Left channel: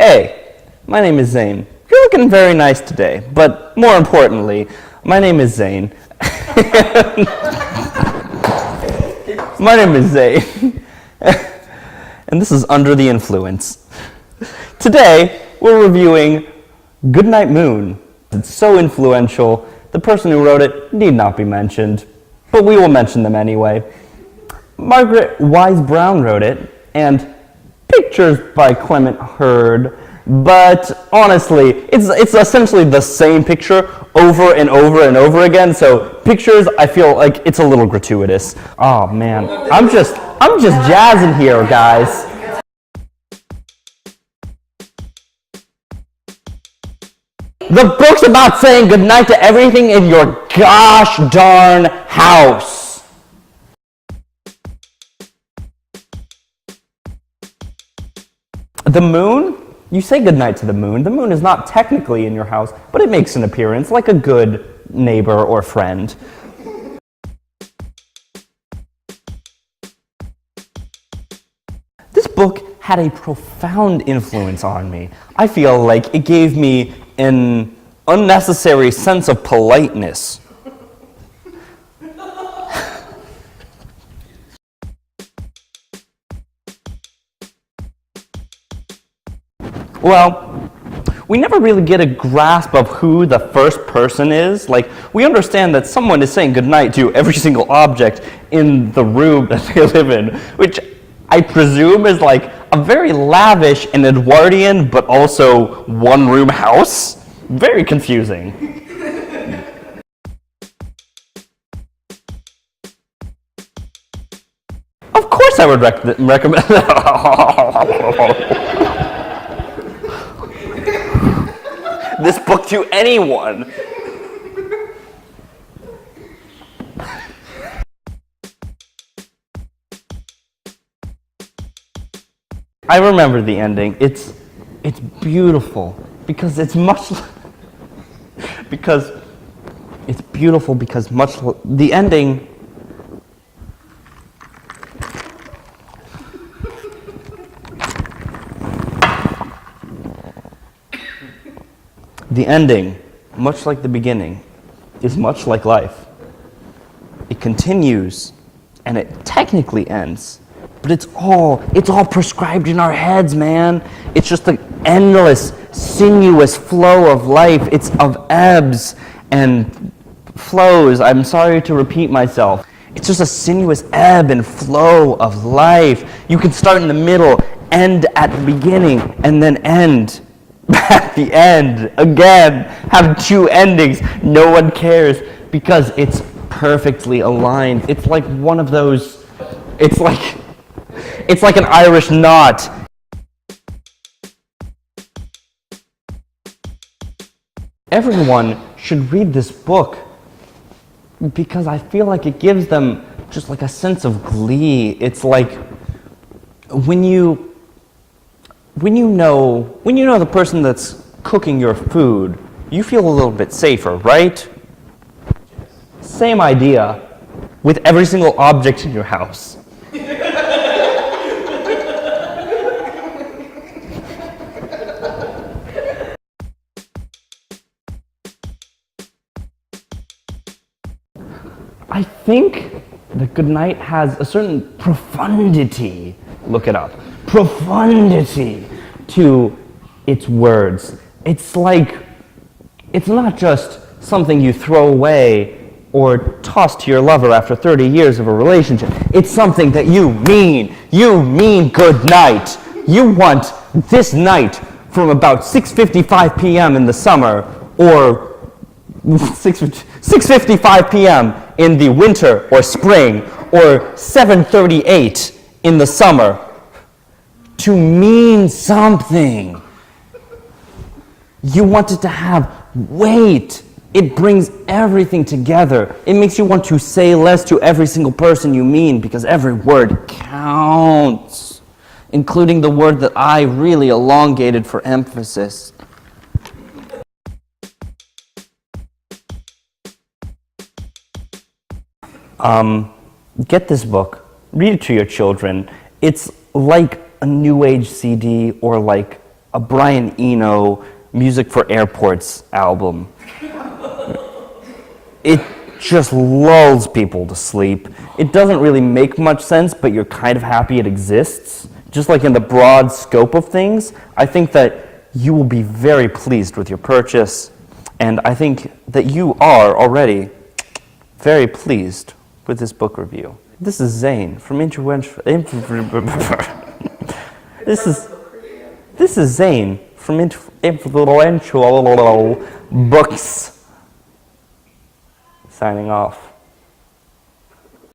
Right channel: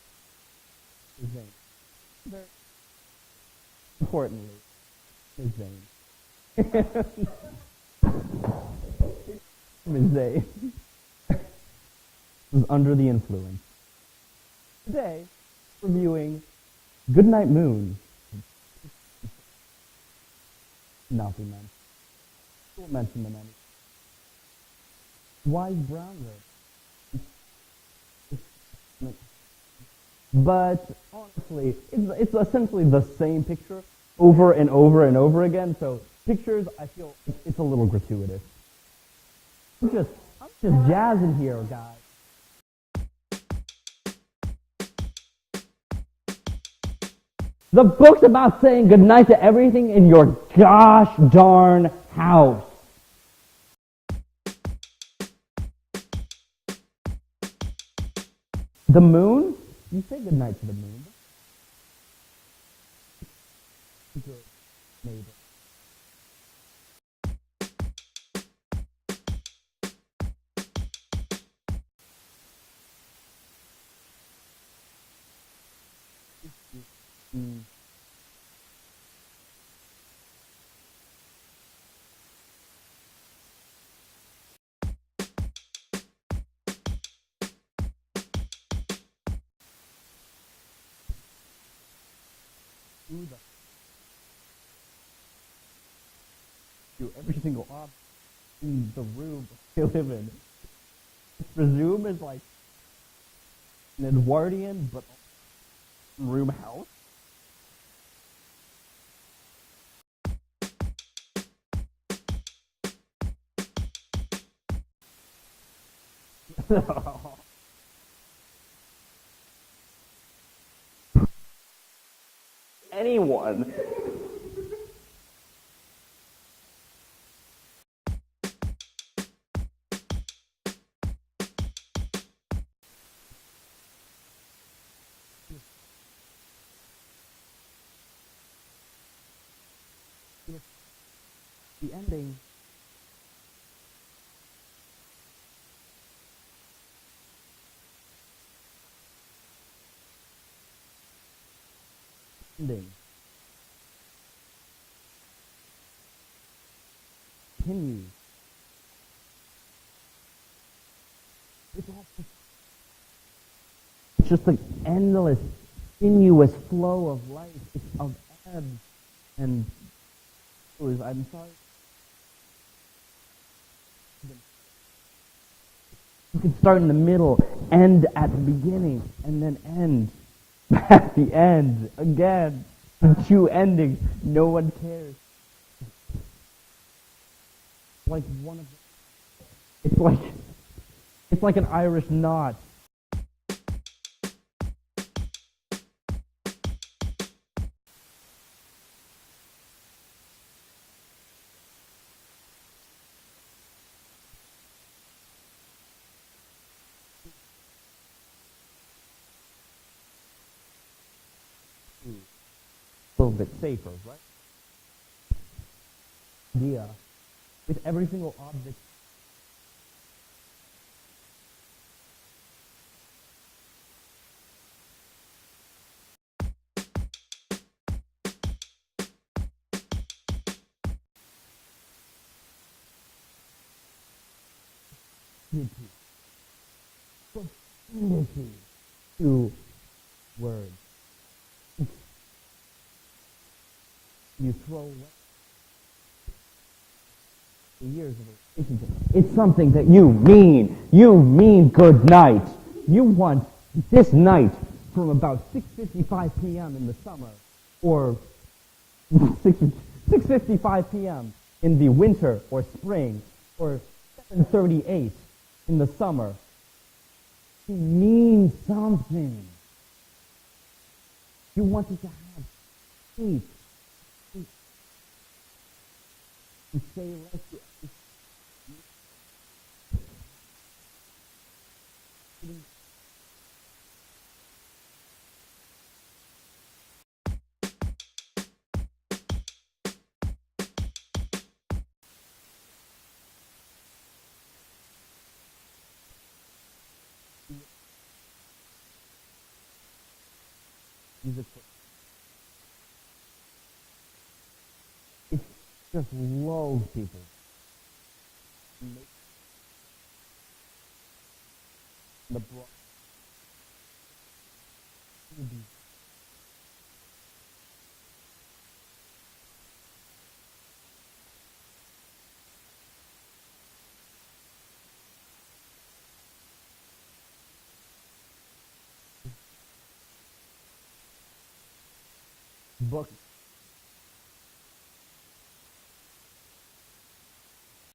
Hey, my name is Zane. You're looking very nice today, but more importantly, my name is Zane. My name is Zane, and this is Under the Influence. Today, we're reviewing Goodnight Moon. It's so influential, the person who wrote it need not be mentioned, but we will mention them anyway. Margaret Wise Brown wrote it, and pictures by Clement Hurd, but honestly, it's essentially the same picture over and over and over again, so pictures, I feel like it's a little gratuitous. Oh man, I'm just jazzing here, guys. The book's about saying goodnight to everything in your gosh darn house. The moon? You say goodnight to the moon. The moon is not technically in your house, but it makes an appearance like a good neighbor or friend. This book had a profound influence on me. I feel like it gave me an unnecessary sense of politeness. Well, we never really get a grasp of who the first person is. Like, we understand that someone is saying goodnight to every single object in the room that they live in, which I presume is like a very lavish and Edwardian, but also one-room house. Very confusing. Of course I would recommend this book to anyone. I remember the ending. It's beautiful because it's much because it's beautiful because much the ending much like the beginning, is much like life. It continues, and it technically ends, but it's all prescribed in our heads, man. It's just an endless, sinuous flow of life. It's of ebbs and flows. I'm sorry to repeat myself. It's just a sinuous ebb and flow of life. You can start in the middle, end at the beginning, and then end at the end again, have two endings. No one cares because it's perfectly aligned. It's like one of those, it's like an Irish knot. Everyone should read this book because I feel like it gives them just like a sense of glee. It's like when you know the person that's cooking your food, you feel a little bit safer, right? Same idea with every single object in your house. I think that Goodnight has a certain profundity. Look it up. Profundity to its words. It's like, it's not just something you throw away or toss to your lover after 30 years of a relationship. It's something that you mean. You mean good night. You want this night from about 6:55 p.m. in the summer or 6:55 p.m. in the winter or spring or 7:38 in the summer to mean something. You want it to have weight. It brings everything together. It makes you want to say less to every single person you mean because every word counts, including the word that I really elongated for emphasis. Get this book. Read it to your children. It's like a new age CD or like a Brian Eno Music for Airports album. It just lulls people to sleep. It doesn't really make much sense, but you're kind of happy it exists. Just like in the broad scope of things, I think that you will be very pleased with your purchase, and I think that you are already very pleased with this book review. This is Zane from This is Zane from Influential Books. Signing off.